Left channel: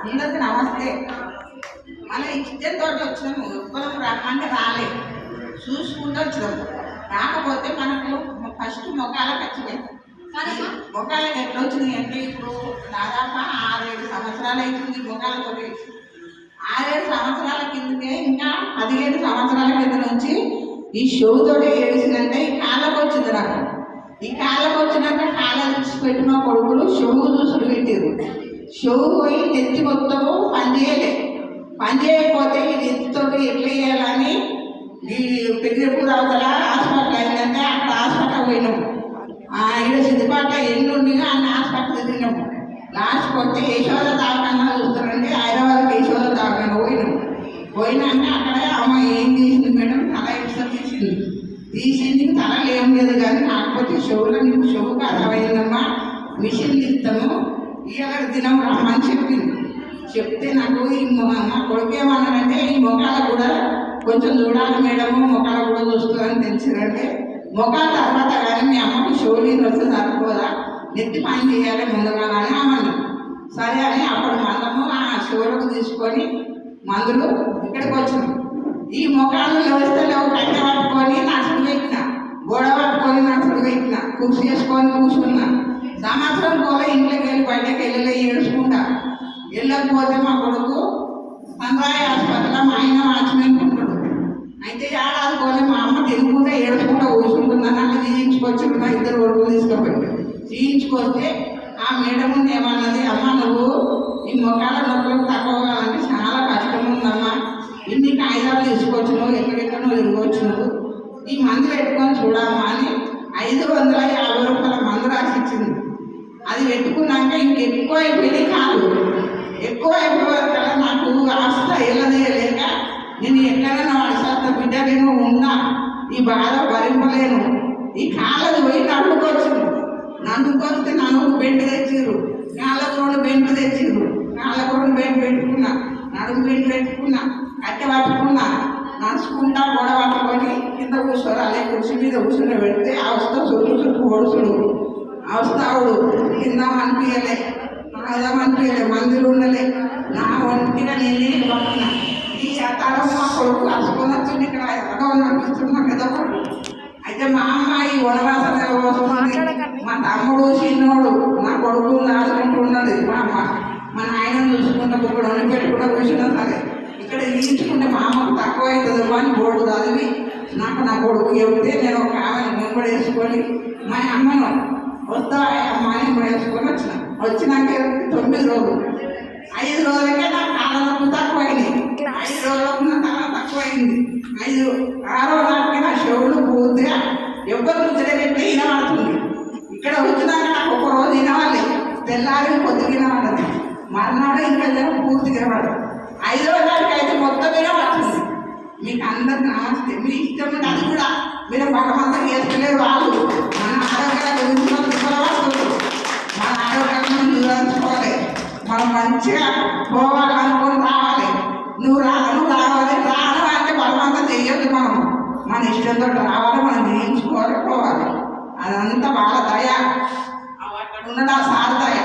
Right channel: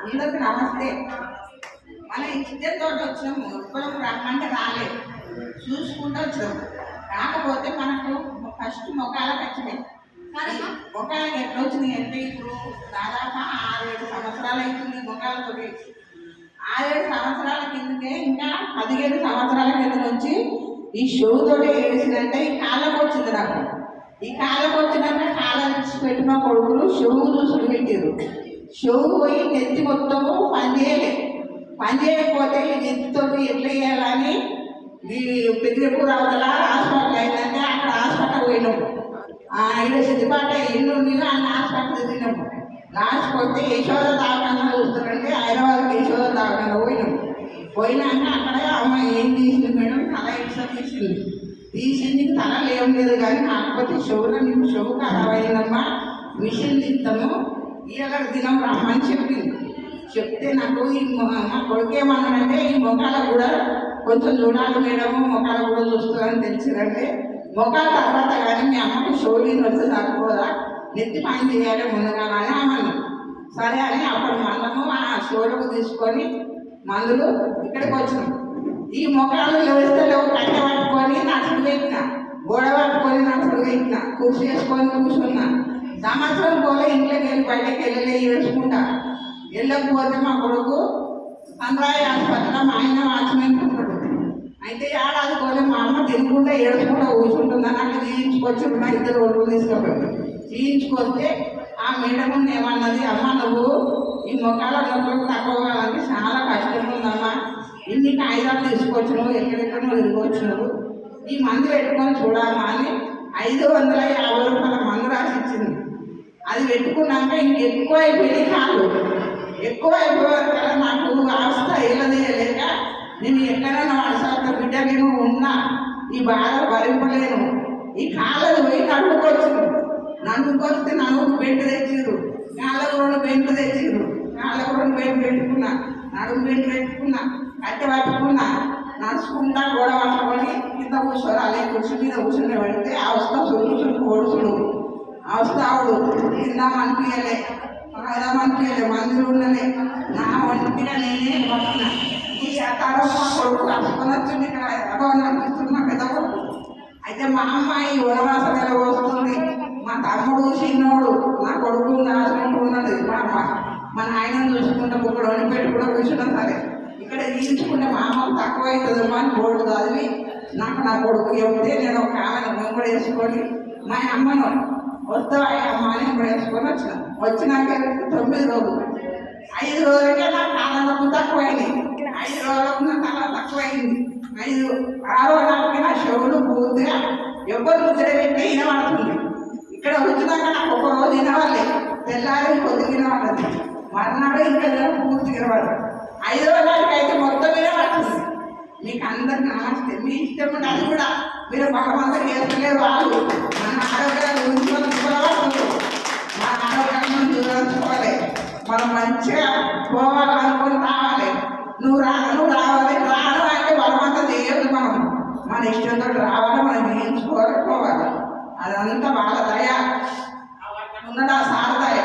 అందరికి నమస్తే. మన ఇష్టంతో వచ్చినాము, ఒక్కరం రమ్మంటే రాలేదు, చూసుకుంటూ వచ్చినాము. కాకపోతే మనకు ఫస్ట్ మొఖాలకు వచ్చినాయి. కానీ మొఖాలకు ఎట్లా వచ్చినాయి అంటే ఇప్పుడు దాదాపు 6-7 సంవత్సరాలు అవుతుంది మొఖాలతో. 6-7 సంవత్సరాల కిందకే, ఇంకా 15 సంవత్సరాల కింద నుంచి ఈ షోతోటి ఏడిసిందంటే ఈ కాళ్ళకు వచ్చింది నాకు. ఈ కాళ్ళకు వచ్చినాక కాళ్ళ పెట్టిన కొడుకులు షోవు చూసుడు పెట్టారు. షోవు పోయి నెత్తి మొత్తము పని చేయకపోతే ఈ నెత్తితో ఎట్లా చేయాలని ఈ పెద్దపూర్ అవతల హాస్పిటల్ అయిందంటే అక్కడ హాస్పిటల్ పోయినాము. ఇక్కడ సిద్దిపాట ఎల్లుండి అన్న హాస్పిటల్ తిరిగినాము. లాస్ట్కి వస్తే యశోద దావకాన్న చూస్తారంటే హైదరాబాద్కి యశోద దావకాన్న పోయినాక అక్కడ అమ్మ ఏం చేసింది మేడం, తల ఎక్స్ట్రా తీసింది తలలు ఏం లేదు కానీ కాకపోతే షోలో నీకు షో ఖరాబ్ అయిందమ్మా, మిషన్ ఇస్తాము ఇవాళ దినం రమ్మని చెప్తే నాకు ఈ మా కొడుకేమన్నాడంటే ఈ మొఖాల కూడా కొంచెం చూడాలి మేడము, మొఖాల కూడా చూస్తుందని తెలిసిందంటే మొఖాల తర్వాత కానీ మీ అమ్మకి షోలీని వస్తే సరిపోదా, నెత్తి పని చేయాలి ముందుగా అని అమ్మను. సరే అని అప్పుడు మందము ఆ షోలకు తీసుకొని మందులు ఇక్కడికి వచ్చినాం. ఈ మొఖాలు లేస్తే లేవు కట్టె పట్టుకొని నడుచుడు పెట్టిన, గోడ పట్టుకొని నడుచుడు పెట్టిన, కూర్చు చేసుకొని కూర్చున్నా. సంవత్సరం పోలే ఇంట్లోకి వెళ్ళి బయటకు వెళ్ళలే, ఏడుచుకుంటా. వెళ్ళకపోతే మా కొడుకు సంద్రాయ హాస్పిటల్లో మా ఆయన వాచ్మెన్ ఉంటాడు. అయితే ఏడాది పోలే మా అమ్మ తినుకుంటా ఏడుచుకుంటా కూర్చుంటుందని అట్లా చేయించుకొచ్చి మా 2 కొడుకులు తీసుకుపోయి చేయించుకొస్తే ఆ మేడం ఉంది ఏమన్నది, అమ్మ నువ్వు ఈ మొక్కల నొప్పులకు తక్కువ కావాలంటే చాలా కష్టం ఉందమ్మా, ఇన్ని కాగితాలు తీసుకొచ్చినావు, ఎక్కడెక్కడో తిరగొచ్చినావు, ఈ మందు పెట్టుకొని చూడమ్మా అని 550 రూపాయల మందు రాసి ఇచ్చింది. అది పెట్టుకున్నాక ఇంకెక్కువ అయిపోయింది, కాదు ఎక్కువ అయిపోయారు కదా. నాకు ఆస్త వెళ్ళలేక నేను ఎక్కడైనా వాడసాతో బిడ్డ నేను ఉన్నా, ఈ బాధ భరింపలేను. ఈ కాళ్ళది పోయి నన్నుకొస్తే నన్ను బెండు తెచ్చిర్రు, కాళ్ళకు 2 బెండ్లు తెచ్చిర్రు, కాళ్ళకు 2 బెండ్ పెట్టుకున్నా, నడుము బెండు పెట్టుకున్నా, కట్టె పట్టుకున్నా, నడుచుకుంటా గోడ పట్టుకొని కింద కూర్చోరు. అలా కుర్చీ మీద కూర్చుని పెడితే ఆ వస్తా చురుకు ఓడుచుడు ఆ వస్తావుడు తిందామనిపించలే, తాగదామనిపించలే, మందులు ఉండలే. నా ఒంటిగా నేనే పడుతున్నా. ఈ శాతాలో మా కొడుకు కలుసుకొని వచ్చింది, ఇక్కడ ఎలాగో అనిపిస్తున్నా పెద్ద కొడుకు. అయితే మా అమ్మాయి వనవాసంలో వస్తుంది, మా తమ్ముడు చిన్నోడు నా కొడుకు ఆడుకుంటున్నది, మా నాయనను చూసుకుంటా ఇప్పుడు వండి పెట్టుకుంటా కూర్చున్నా. సరే ఇక్కడ ఈడ్చుకుంటే మా అమ్మకు తక్కువ అవుతుందేమో అని బోర్డు చదివి నాకు నా కొడుకు చెబితే నేను ఒక ఆమెను ముంగడు వేసుకొని మా అమ్మను వస్తా అమ్మని కూడా వేసుకొని వచ్చినాక 9 రోజులు 5 రోజులకే నా కాళ్ళ నొప్పి తక్కువైంది, 5 రోజులకు నా తల తక్కువైంది. 6వ నాటికి నా చెవులు పూర్తిగా ఎవ్వరు ముద్ర పెట్టి వినబడుతుంది. ఇక్కడ వచ్చినాక నాకు ఒక రోజు వినవాలి, తెల్లారి పొద్దుగా వినబడదు, మర్నాడు ఇంకా పూర్తిగా వినబడదు. 5వ నాటికి అయితే మొత్తం వినబడుతుంది. మీకు అందరికి నమస్తే. మీ ఇష్టం ఉంటే అది కూడా మీరు భగవంతుడు చేసుకునేది వాళ్ళు. మన ఆరోగ్యాలు గురించి మనం ఇవ్వవచ్చు, మన ఆరోగ్యాలను చూసుకోవాలి, మనం మంచిగా పోవాలనుకుని రావాలి. నువ్వు రాను రావాలి, రాను అంటే బలవంతం చేయొద్దు. మన ఇష్టంతో రావాలి, మనం చేయించుకోవాలి, పోవాలి. అదంతా వాళ్ళ దయ, అక్కడ ఉన్నది ఆ సార్ దయ.